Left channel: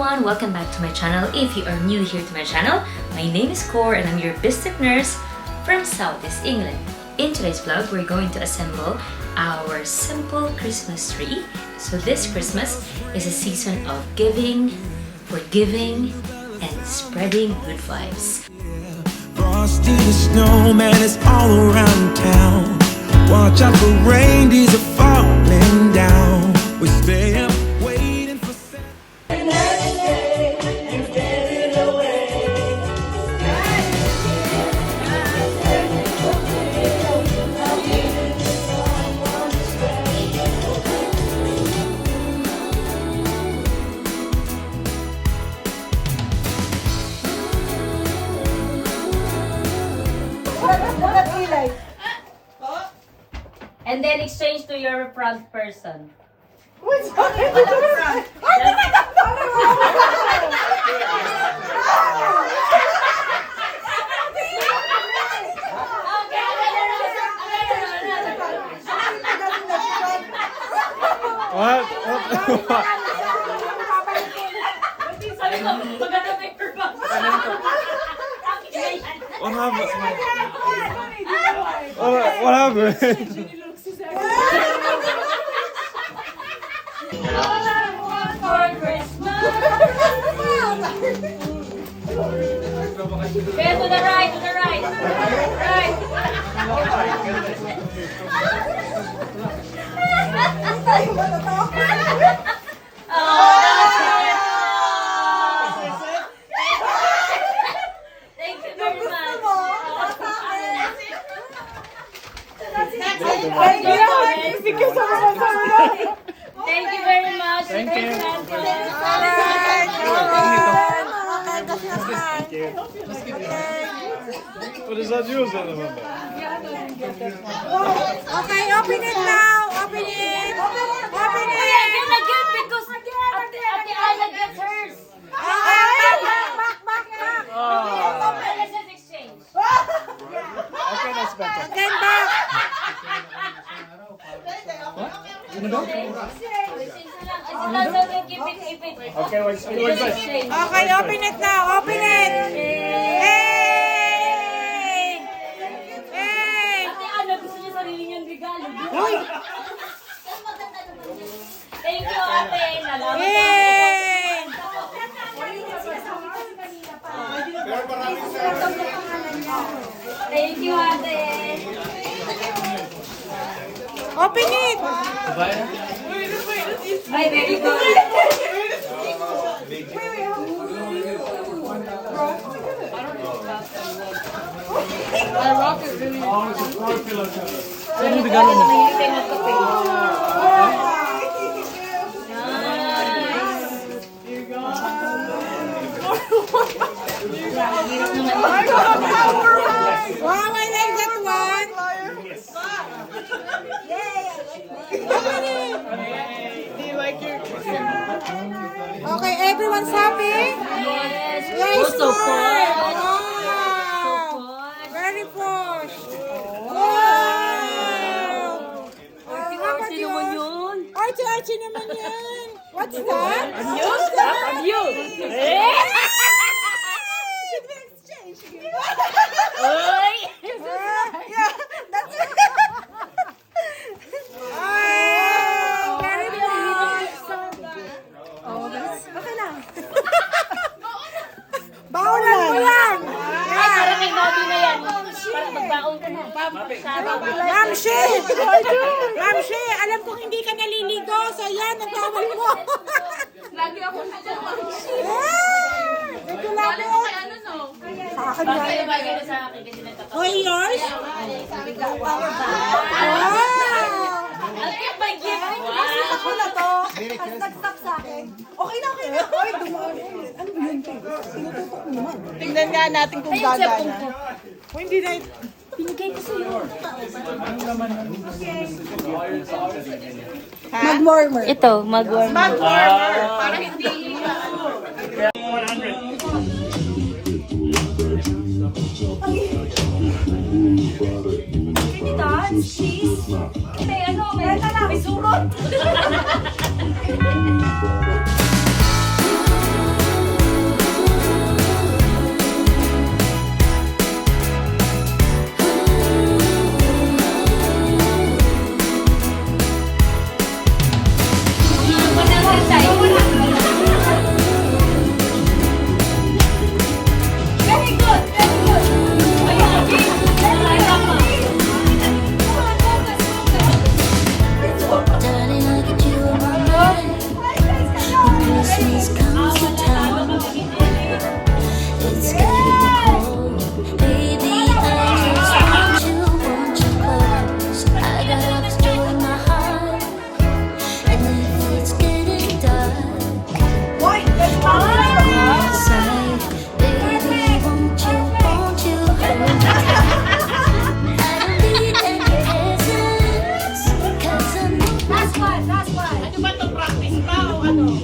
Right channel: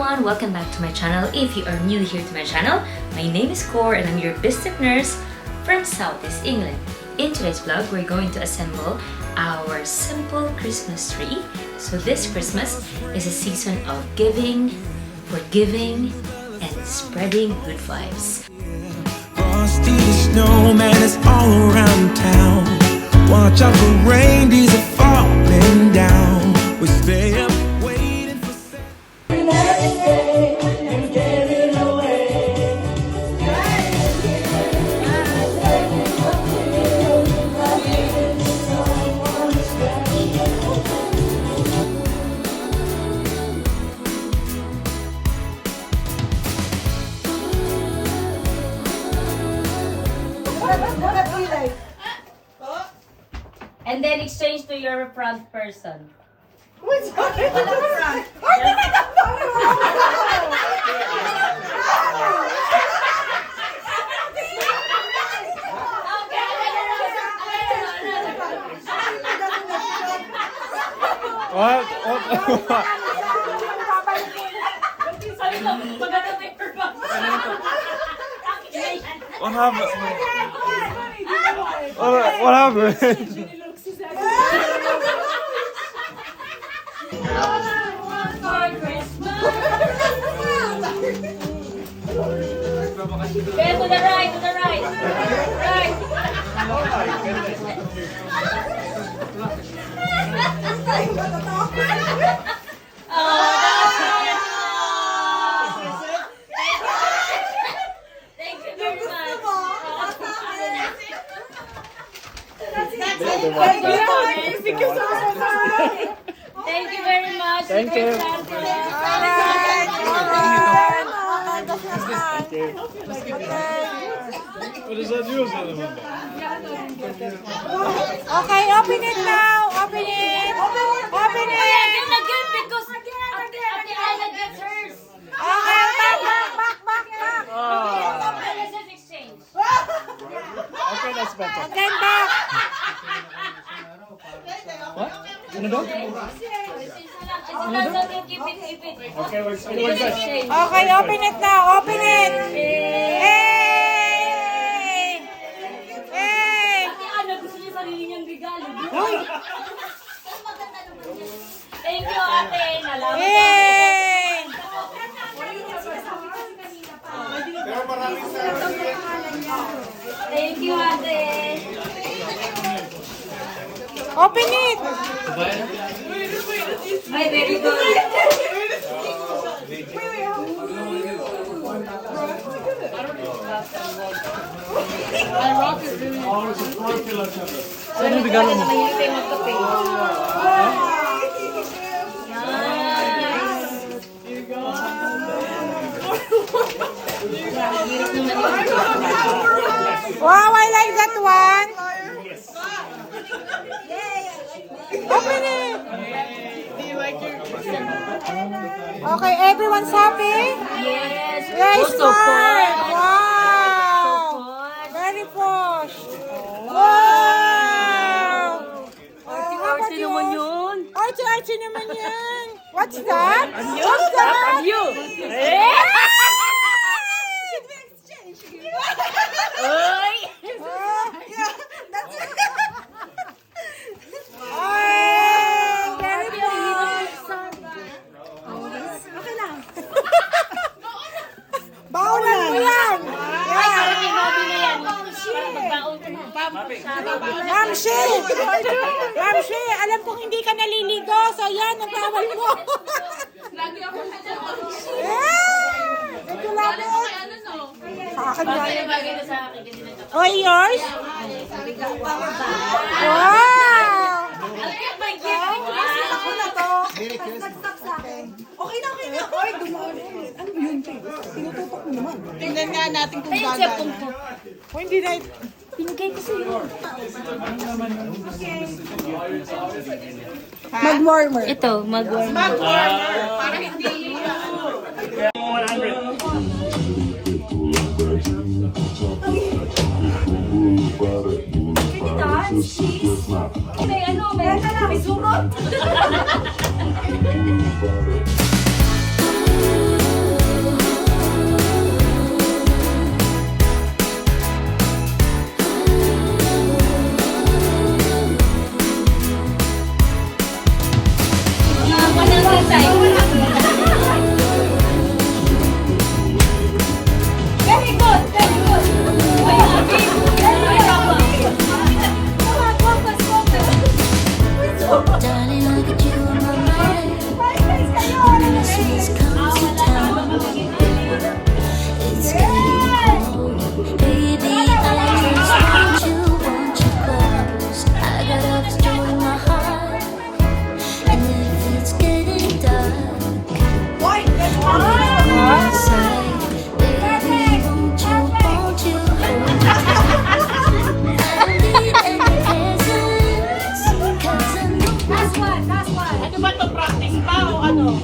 everyone! Welcome back to my channel. If you are new here to my channel, my name is Cor and I'm your Bistic nurse from Southeast England. In today's vlog, we're going to assemble our simple Christmas tree. So this Christmas is a season of giving, forgiving, and spreading good vibes. Frosty the snowman is all around town. Watch out for reindeers are falling down. We stay up waiting for And then exchange to your front person. What's going on? What happened? What happened? Okay, to the right, to the right. Right. Thank you very much. Thank you very much. Thank you. What does that do? Okay, open it now. Open it. Open it. Because Ate Ayla gets hers. Okay, back. Let's just exchange. Okay, that's better. Again, back. Ano daw? Keep it. Okay, where's that? Okay, open it now. Open it. Hey! Hey! Ate Ayla, gusto niya sarili niyang regalo. Thank you, ate. Nalaman ko. Hey! Thank you, ate. Open it. Ay, very good. Ano yung regalo mo? Wow, I like that one. Open it. Okay, everyone's happy? Yes, So good. posh. Wow. Very posh. Wow. How about yours? Archie naman yan. What's that? What's that? You. Oy. Yeah, that's it. Oh, very posh. Okay lang. Baunan mo yan. Ay, parang may hobby na yan. Parang magbaon ka na. Ramsey, alam kong hindi ka naliligo, so yan, nagawal mo. Lagi ako na Regulado. Bagay na sa akin kasi nagkakasama. Oh, yours? Wow. I'll get my gift. Ako na to. Nag-stop sa akin. Okay na. Oy, dumaan. Ano yun? Tinututok mo naman. Tingnan nga natin kung gagana. O, hindi na. Pinigay ko sa'yo. Mag-warmer. Ito, mag-warm. Mag-warmer. Para hindi. May ano, may surot. Very good, very good. Darling, I get you on my mind. When Christmas comes to town, it's getting cold. Baby, I just want you close. I got all this joy in my heart. And if it's getting dark, I'll be inside. Baby, won't you hold me tight? I don't need any presents, 'cause I know Last one, last one. Ano ba ito? Practice pa o ano?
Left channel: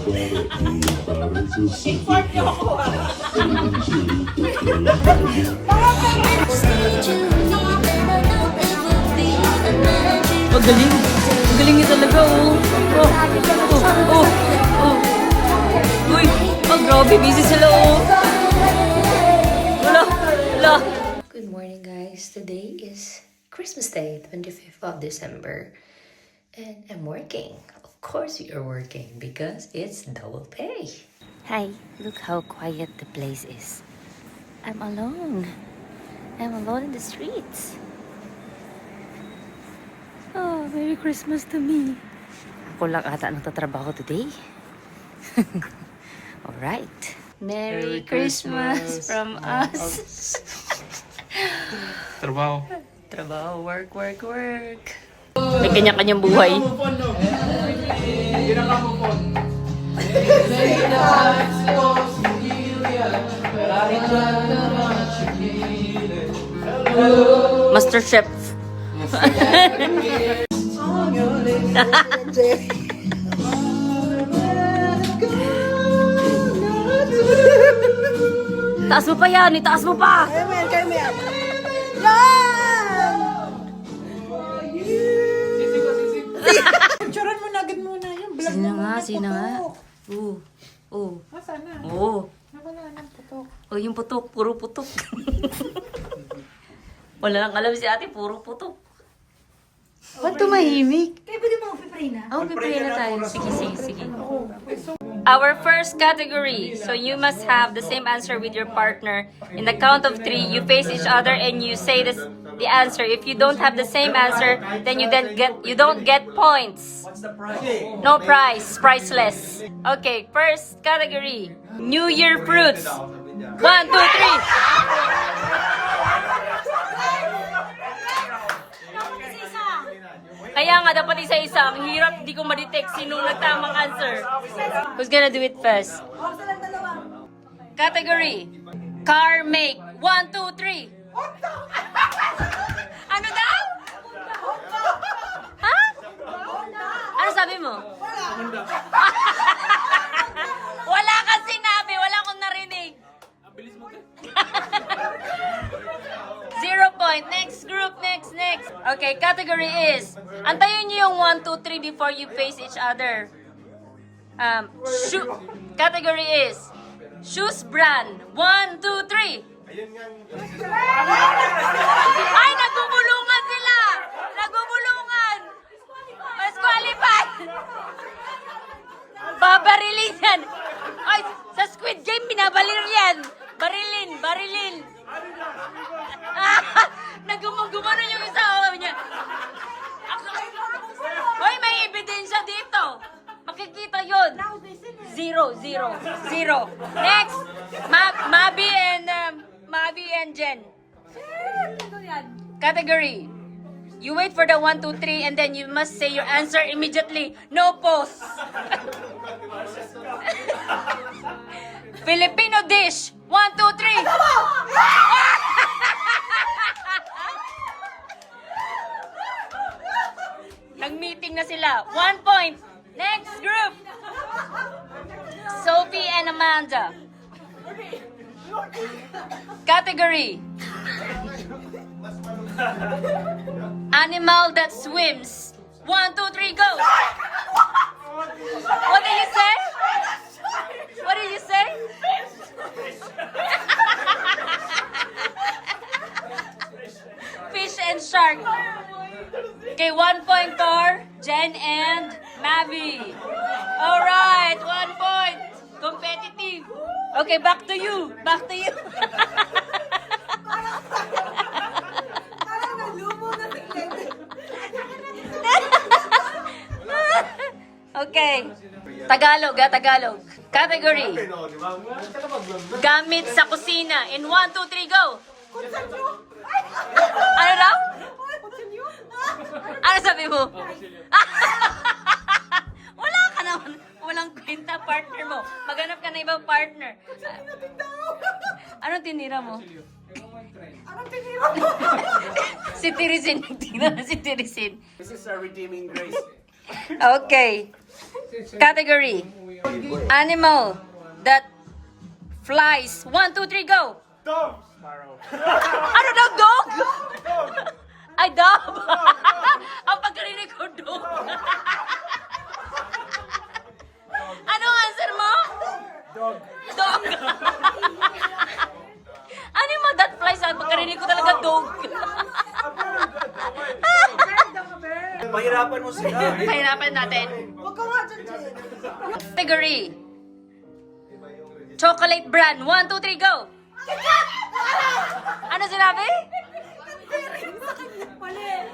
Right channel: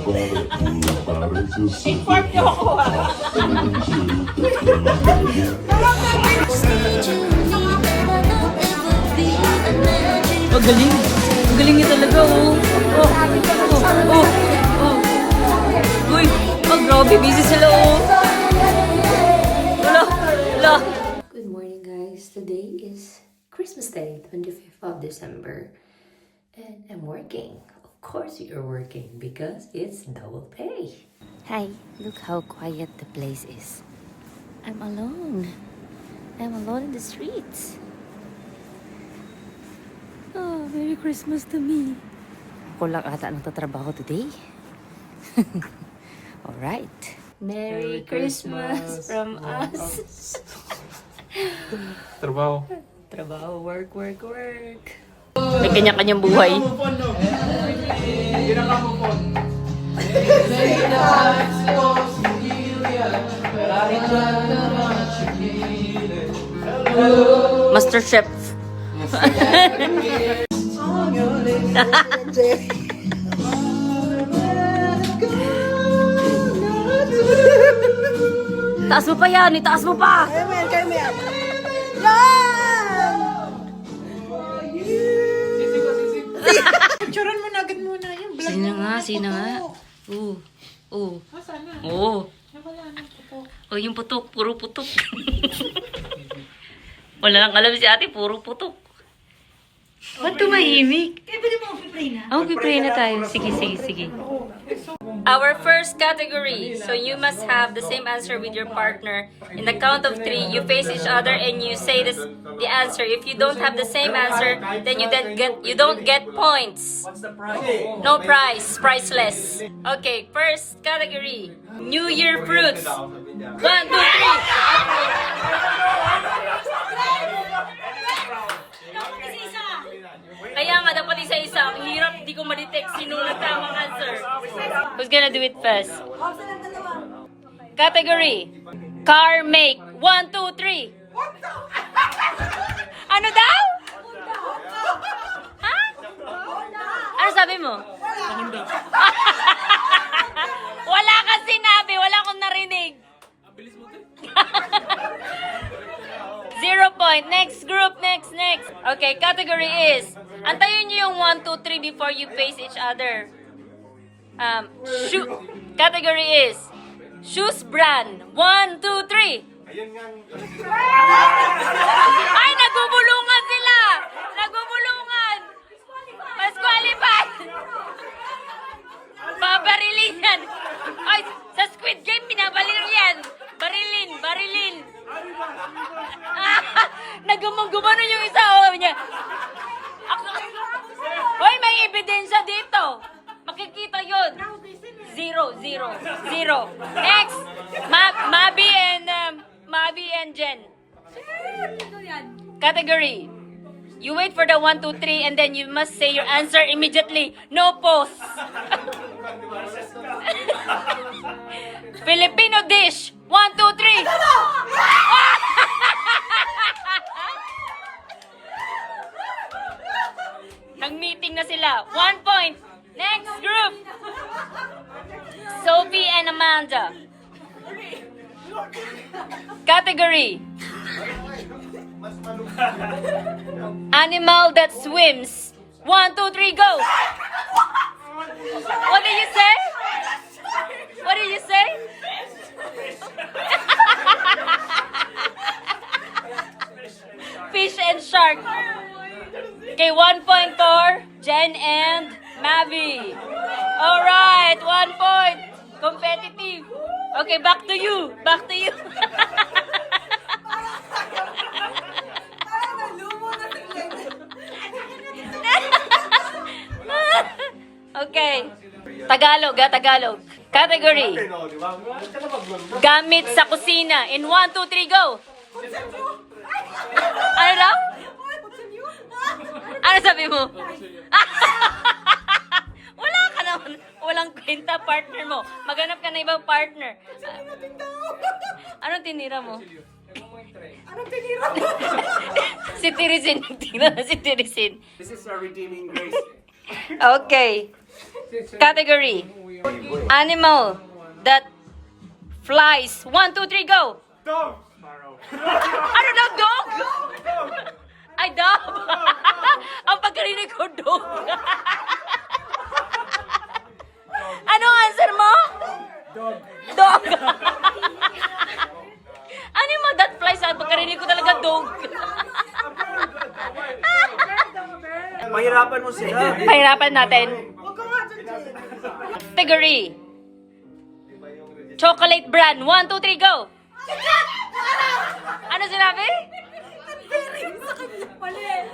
Inform niyo ako ah. that you need, and I know it will be a magic. Ang galing. Ang galing niya talaga, oh. Uy, grabe. Busy sila, oh. Wala. Good morning, guys. Today is Christmas Day, 25th of December, and I'm working. Of course, we are working because it's double pay. Hi, look how quiet the place is. I'm alone. I'm alone in the streets. Oh, Merry Christmas to me. Ako lang ata nagtatrabaho today. Alright. Merry Christmas from us. Trabaho. Trabaho, work. May kanya-kanyang buhay. Master Chef. Taas mo pa yan, itaas mo pa! Picturean mo na agad muna yung vlog. Sino nga? Oo. Oh, yung putok, puro putok. Wala lang alam si ate, puro putok. Ba't tumahimik? Kaya pwede mo pipray na? Oh, pipray na tayo. Sige. Our first category. So you must have the same answer with your partner. In the count of 3, you face each other and you say the answer. If you don't have the same answer, then you don't get points. What's the prize? No prize. Priceless. Okay, first category. New Year fruits. 1, 2, 3. Kaya nga, dapat isa-isa. Ang hirap, di ko ma-detect sinong nagtamang answer. Who's gonna do it first? Category. Car make. 1, 2, 3. Ano daw? Ha? Ano sabi mo? Wala kang sinabi. Wala akong narinig. 0 point. Next group. Next. Okay, category is, antayin niyo yung 1, 2, 3 before you face each other. Category is, shoes brand. 1, 2, 3. Ay, nagubulungan sila! Nagubulungan! Mas qualified! Babarilin yan! Ay, sa Squid Game, binabalil yan! Barilin! Nagumagumano yung isa, oh, niya. Hoy, may ebidensya dito! Makikita yun! 0. Next! Mabi and Jen. Category. You wait for the 1, 2, 3 and then you must say your answer immediately. No pause. Filipino dish. 1, 2, 3. Nag-meeting na sila. 1 point. Next group. Sophie and Amanda. Category. Animal that swims. 1, 2, 3, go. What did you say? Fish and shark. Okay, 1 point for Jen and Mavi. All right, 1 point. Competitive. Okay, back to you. Back to you. Okay. Tagalog, Tagalog. Category. Gamit sa kusina. In 1, 2, 3, go. Ano daw? Ano sabi mo? Wala ka naman. Walang kwenta partner mo. Maghanap ka na ibang partner. Anong tinira mo? Anong tinira mo? Si Tirisin. Tingnan na si Tirisin. This is a redeeming grace. Okay. Category. Animal that flies. 1, 2, 3, go. Dog! Sparrow. Ano daw, dog? Ay, dog. Ang pagkarinig ko, dog. Ano ang answer mo? Dog. Dog. Ano yung mga that flies? Ang pagkarinig ko talaga, dog. Mahirapan mo sila. Pahirapan natin. Huwag ka nga dyan, Jen. Category. Chocolate brand. 1, 2, 3, go. Ano sinabi?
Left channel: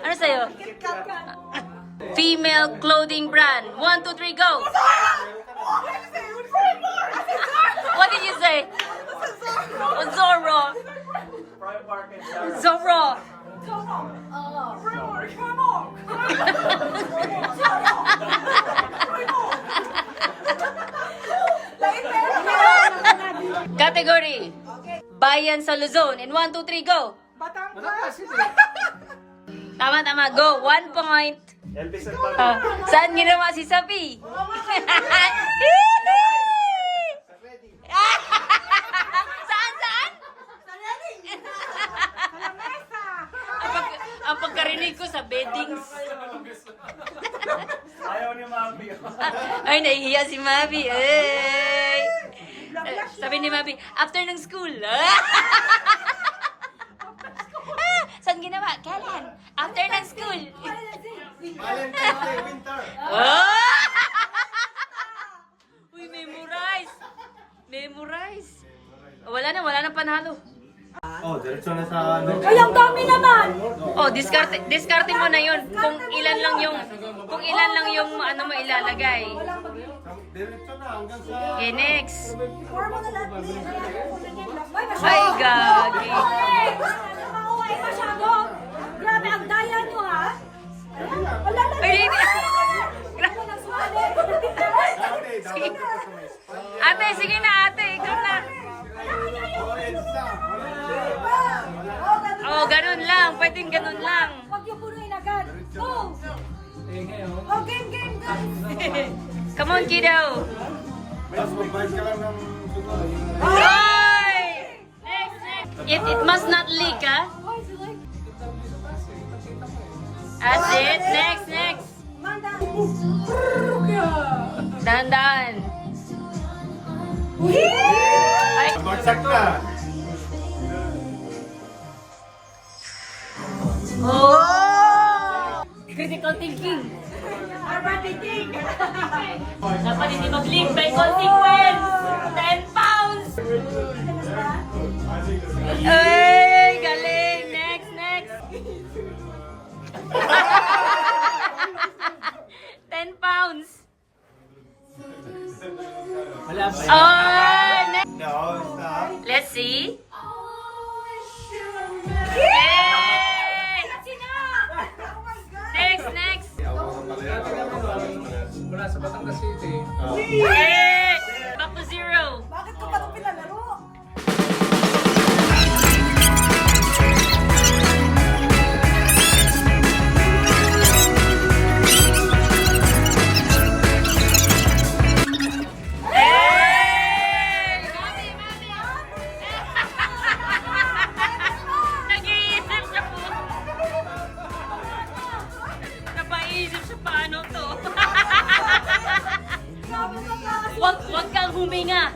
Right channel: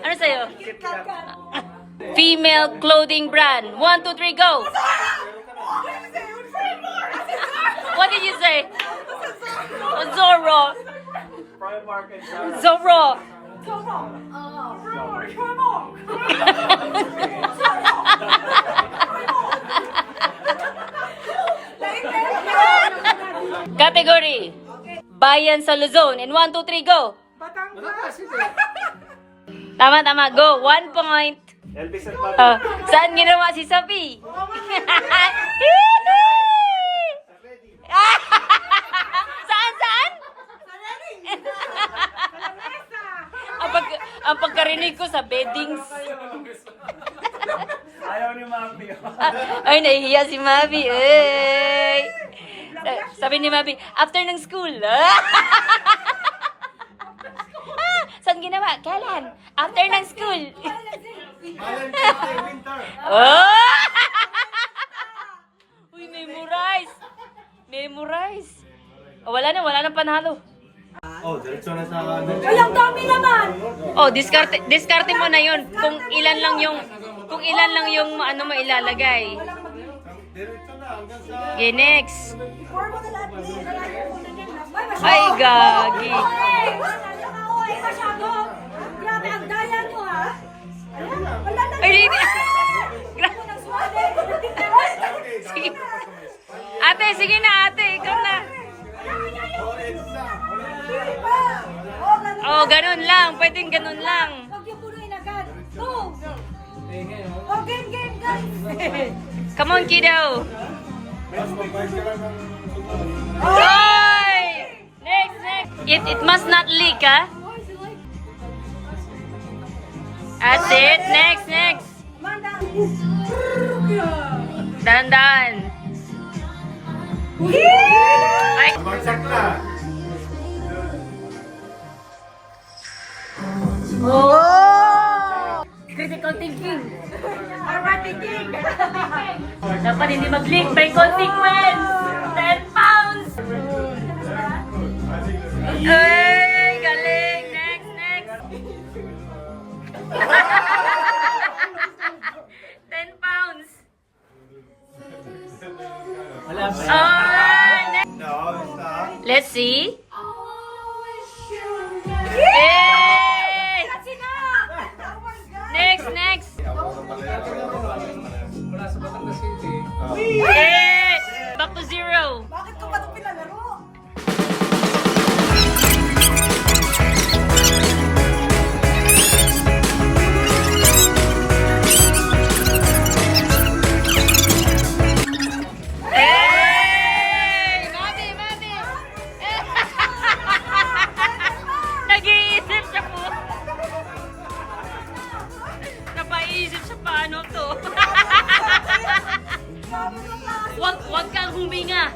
Ano sa'yo? Female clothing brand. 1, 2, 3, go. What did you say? Zorro. Zorro. Category. Bayan sa Luzon. In 1, 2, 3, go. Tama, tama. Go. 1 point. Elvis and Saan ginawa si Sabi? Saan, saan? Ang pagkarinig ko sa beddings. Ayaw ni Mami. Ay, nahihiya si Mabi. Ay. Sabi ni Mabi, after ng school. Saan ginawa? Kailan? After ng school. Oh! Uy, memorize. Memorize. Oh, wala na panalo. Oh, diretso na sa amin. Ay, ang dami naman! Oh, diskarte mo na 'yon kung ilan lang yung ano mo ilalagay. Diretso na hanggang sa... Okay, next. Or mo na lahat. Ay, gagi. Ako ay masyado. Grabe, ang daya nyo, ha? Wala na. Ay, hindi. Sige. Ate, sige na ate. Ikaw na. Oh, ganun lang. Pwedeng ganun lang. Huwag yung punuin agad. Go! Oh, game, guys! Come on, kiddo. Oy! Next. It must not leak, ha? That's it. Next. Dahan-dahan. Ay, Magsak na. oh! Critical thinking. Dapat hindi mag-leak by consequence. 10 pounds. Ay, galing. Next. 10 pounds. Wala pa yan. Next. No, it's not. Let's see. Yay! Next. Mula sa Batangas City. Yay! Back to 0. Bakit ko pa ito pinalaro? Hey! Nag-iisip siya po. Napaisip siya paano to. Wag kang huminga.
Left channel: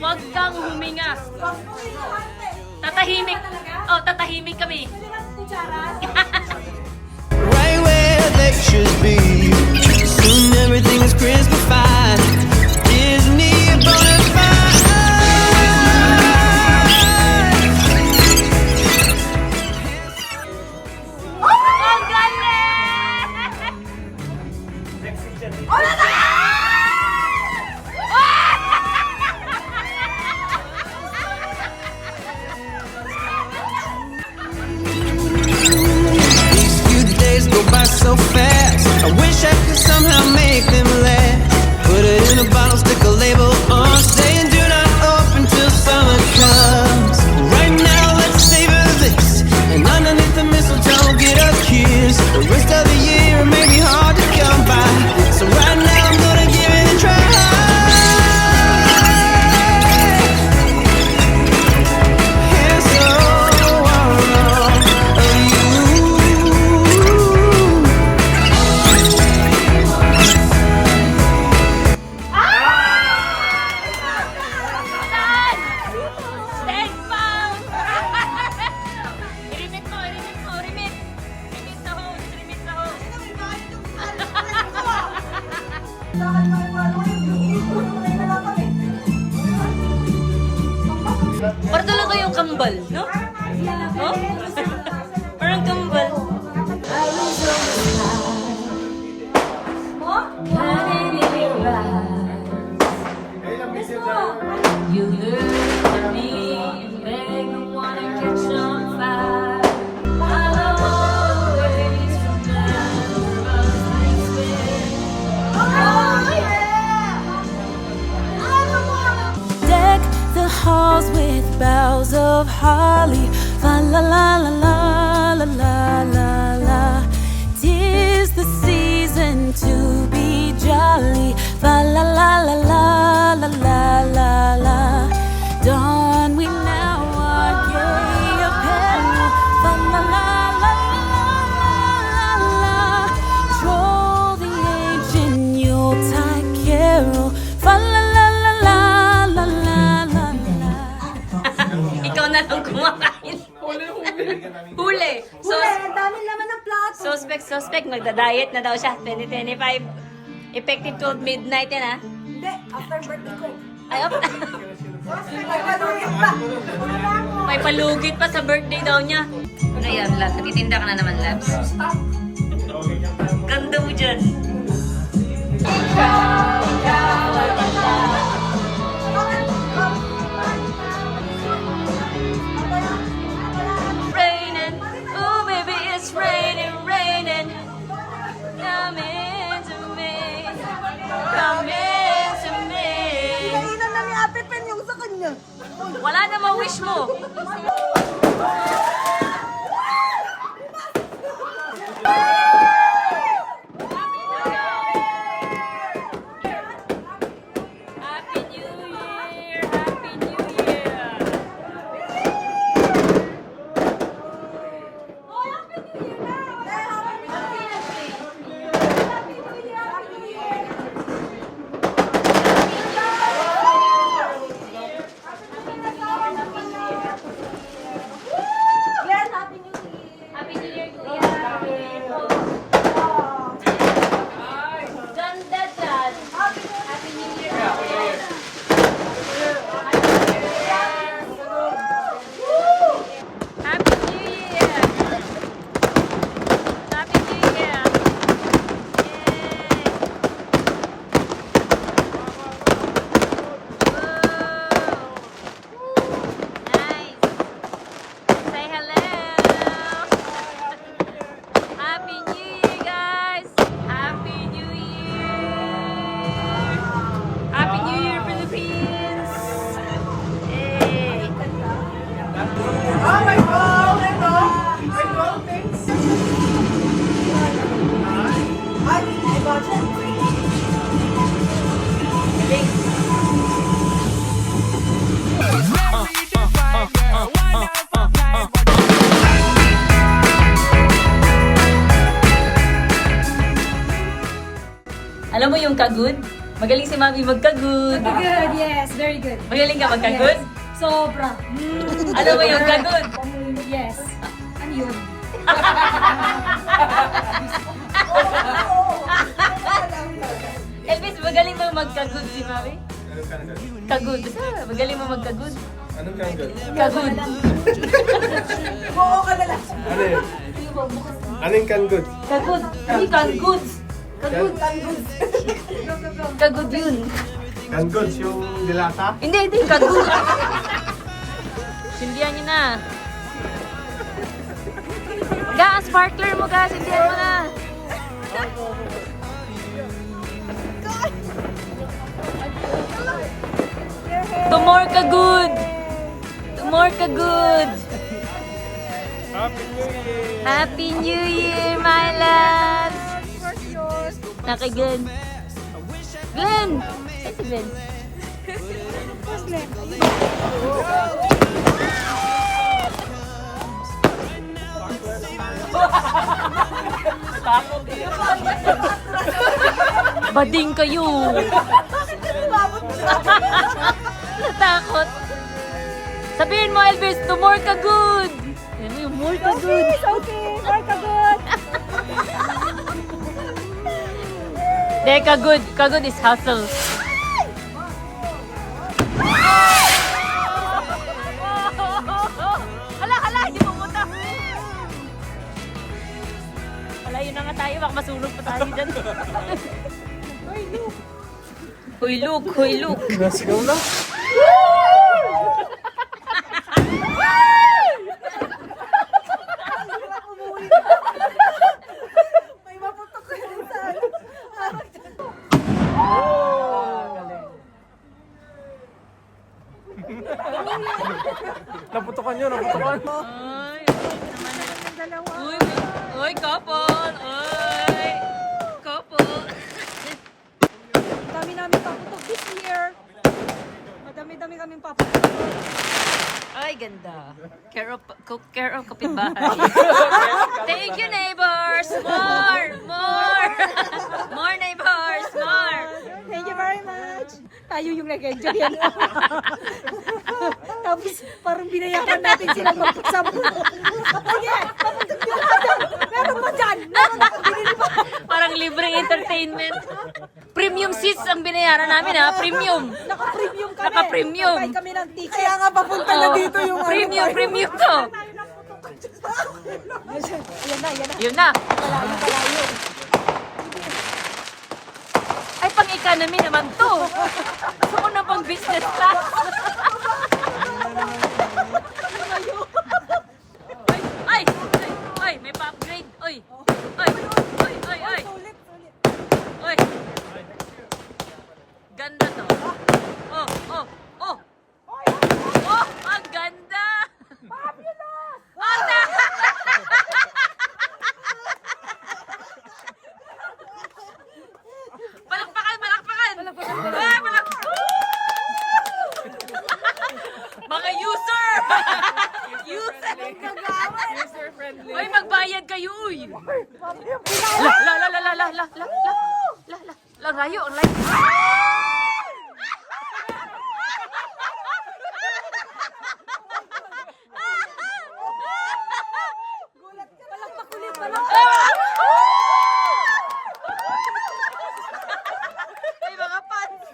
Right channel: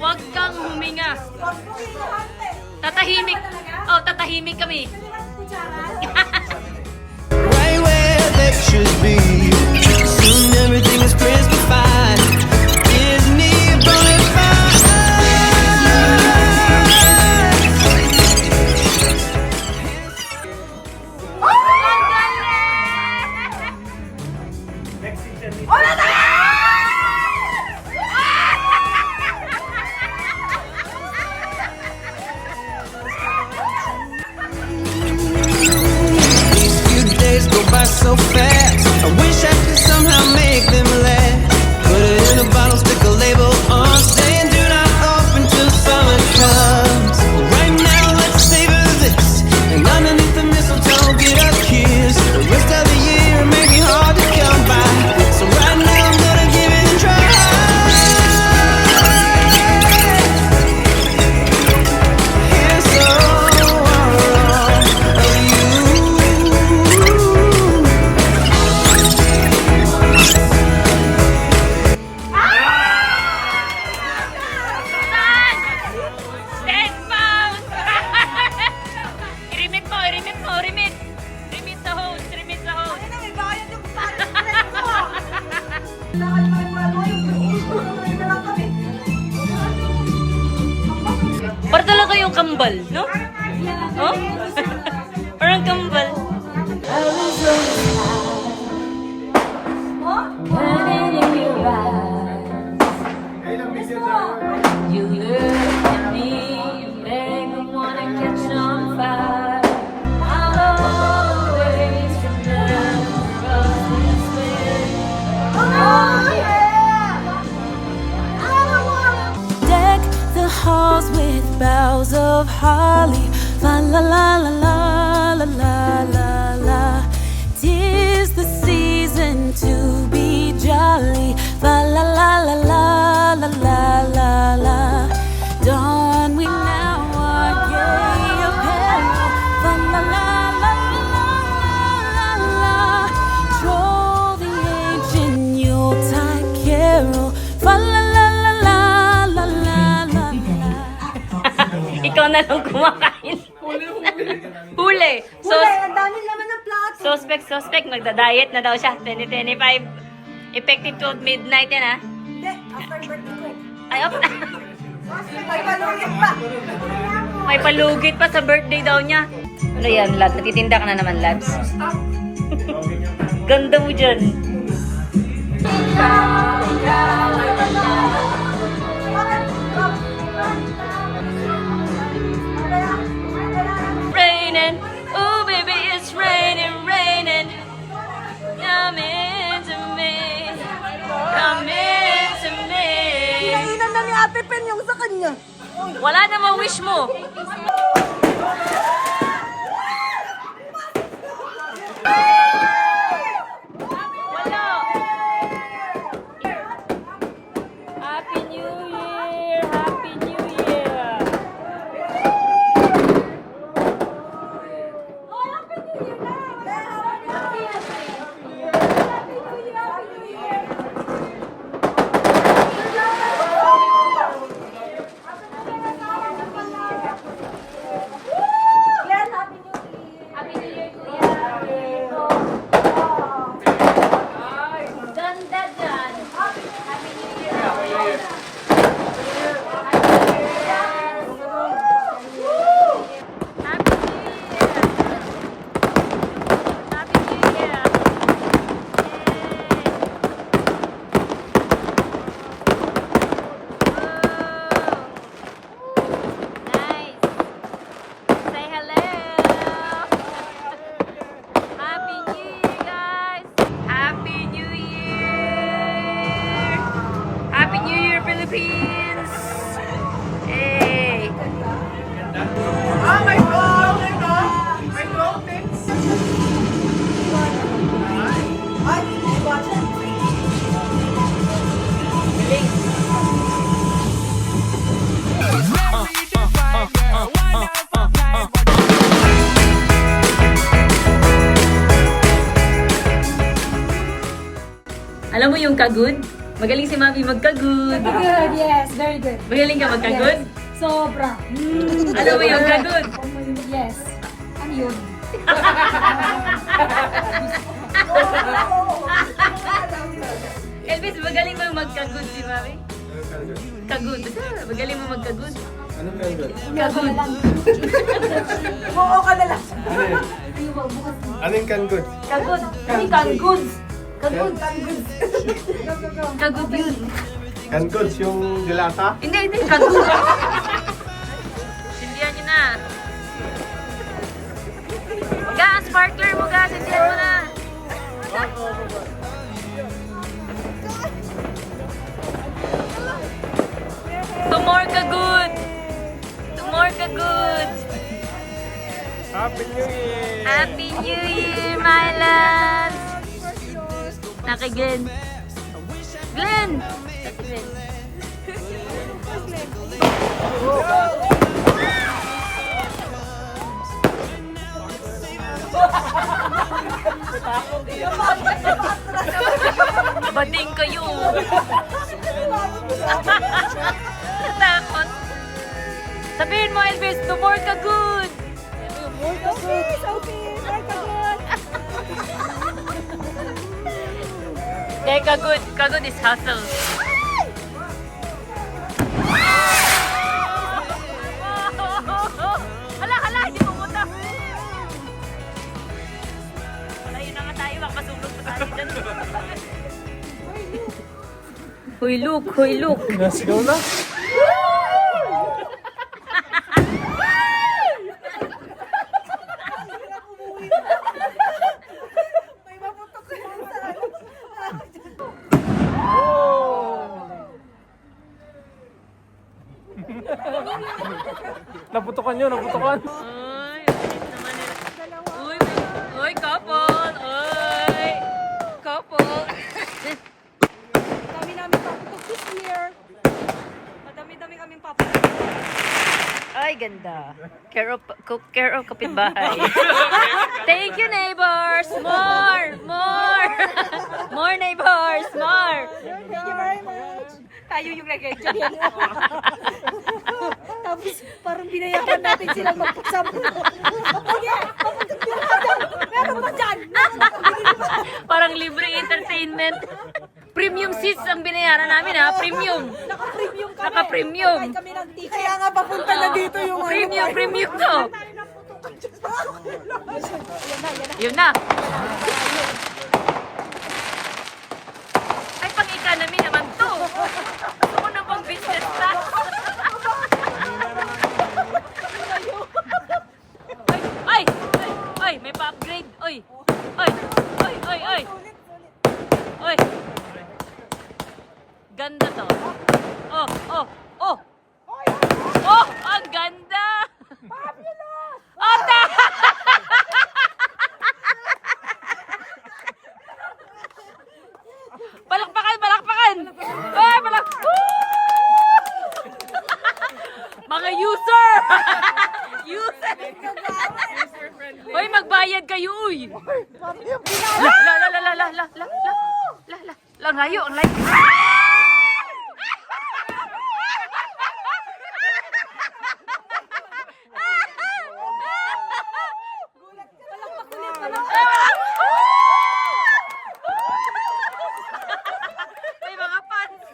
Wag kang huminga. Tatahimik. Oh, tatahimik kami. Right where they should be. Soon everything is Christmas-fied. Disney bonafide. These few days go by so fast. I wish I could somehow make them last. Put it in a bottle, stick a label on, saying do not open till summer comes. Right now, let's savor this, and underneath the mistletoe, get a kiss. The rest of the year may be hard to come by, so right now I'm gonna give it a try. And so are all of you. Stand found! I-remit mo, i-remit mo, remit! Remit sa host, remit sa host. Para talaga yung kambal, no? Oh? Parang kambal. You look at me and beg, I wanna catch some fire. Out of all the ways to never us this way. Deck the halls with boughs of holly. Fa la la la la la la la la. 'Tis the season to be jolly. Fa la la la la la la la la. Don we now our gay apparel. Fa la la la la la la la. Troll the ancient Yuletide carol. Fa la la la la la la la la. Ikaw na lang kumakain. Huli. So, Ang dami naman ng plato. suspect, magda-diet na daw siya. 2025. Effective 12 midnight yan, ha? Hindi, after birthday ko. Ay, op. May palugit pa. May palugit pa sa birthday daw niya. Ano yan, Labs? Natitinda ka na naman, Labs. Ganda mo dyan. Raining, oh baby, it's raining, raining. Come into me, come into me. Hindi na ni Ate Pen yung sa kanya. Wala na ma-wish mo. Happy New Year! Happy New Year! Happy New Year, Kuya. Ganda dyan. Happy New Year. Happy New Year. Happy New Year. Yay. Whoa. Nice. Say hello. Happy New Year, guys. Happy New Year. Happy New Year, Philippines. Hey. Oh my God! My God! My God, thanks. Ay, my God. Alam mo yung kagud? Magaling si Mami magkagud. Good, yes, very good. Magaling ka magkagud? Sobra. Alam mo yung kagud? Yes. Ano yun? Elvis, magaling mo magkagod si Mami. Kagod. Magaling mo magkagod. Anong kagod? Kagod. Oo ka na lang. Ano yun? Ano yung kagod? Kagod. Hindi kagod. Kagod. Kagod yun. Kagod yung dilata? Hindi, kagod. Sindihan niyo na. Ga, sparkler mo ga, sindihan mo na. Tomorrow ka good. Tomorrow ka good. Happy New Year! Happy New Year, my love. Naka Glenn. Glenn. Bading kayo. Takot. Sabihin mo, Elvis, tomorrow ka good. Okay, Mark, kagod. Kagod. Kagod is hustle. Hala, hindi pumunta. Malayo na nga tayo, baka masulog pa tayo dyan. Hoy, look. Nasigaw na? May maputok ko yung saan. Naputokan yun, naputokan. Ay, dito naman nila. Uy, couple. Uy, couple. Dami namin paputok this year. Madami-dami kaming paputok. Ay, ganda. Care of kapitbahay. Thank you, neighbors. More. More neighbors. More. Thank you very much. Tayo yung nag-enjoy. Tapos parang binayakan natin sila magkasama. Sige, meron pa dyan. Parang libreng entertainment. Premium seats ang binayaran namin, ha? Premium. Naka-premium kami. Naka-premium. Kahit kami ng ticket. Kaya nga papunta na dito yung Premium to. Yun na. Ay, pang-economy naman to. Gusto ko na pang business class. Ay, may pa-upgrade. Oy. Ganda to. Oh, ang ganda. Ata! Palakpakan! Mga user! Hoy, magbayad kayo, uy! Ang layo! May mga fans!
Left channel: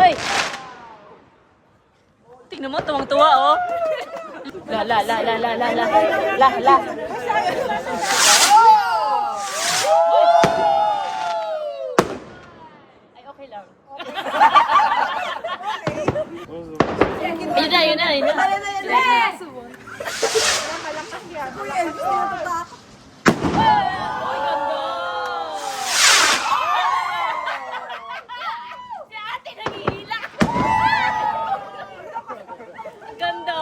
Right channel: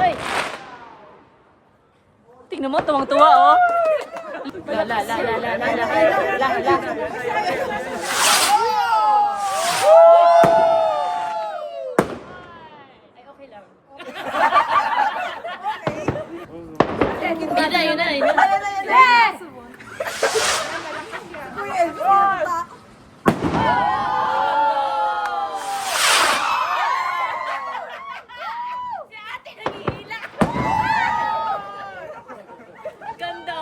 Ay! Tingnan mo, tuwang-tuwa, oh! Ay, okay lang. Yun na. Yes! Kuya Elvis, natatakot. Ganda!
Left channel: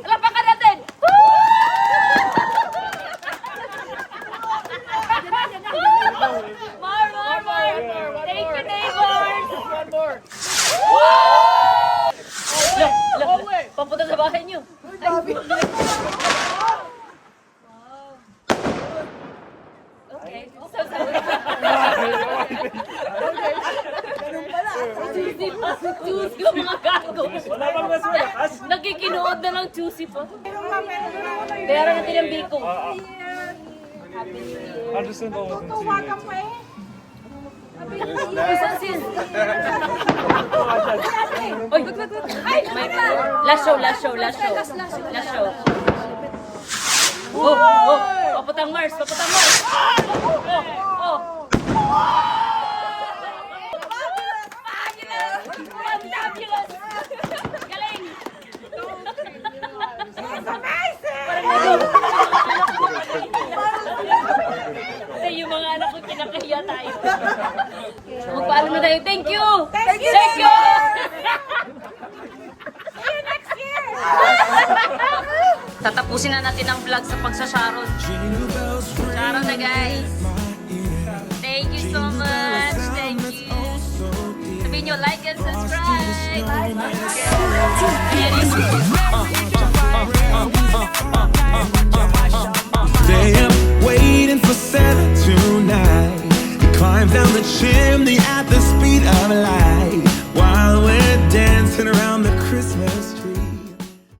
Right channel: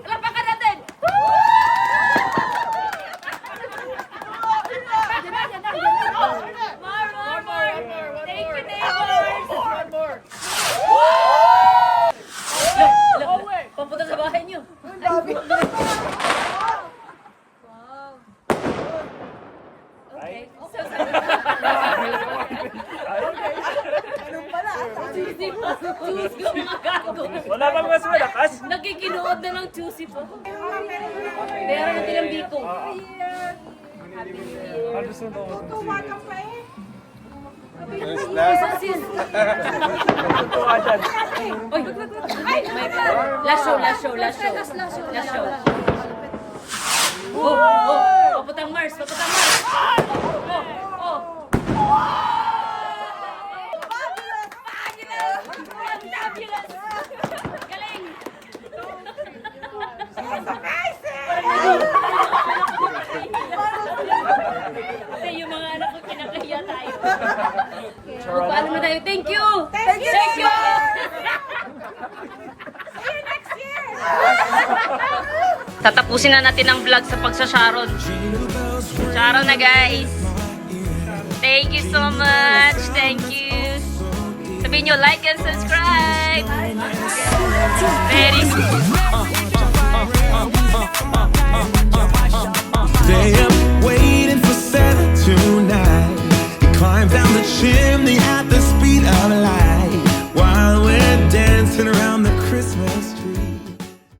Alapakan natin! More! Thank you, neighbors! Papunta sa bahay niyo. Ganun pala. Susi mga gago. Wala bang mas malakas? Nakikinuha Nanonood na ng Juicy po. Bayaran natin ang biko. Happy New Year. Tuwa ka pa eh. Isang sis. Oy, ay! Last show. Paputang Mars. Fabulous! Galing! Kasi yung mga anak ko pinakahiya tayo. Magpaalam na tayo. Thank you! Thank you! Tatapusin na natin ang vlog sa pagsasharon. Sharon na guys. Thank you so much. Thank you. Sabihin nyo, like and subscribe. Very Stay up waiting for Santa tonight. He climbs down the chimney at the speed of light while we're dancing around the Christmas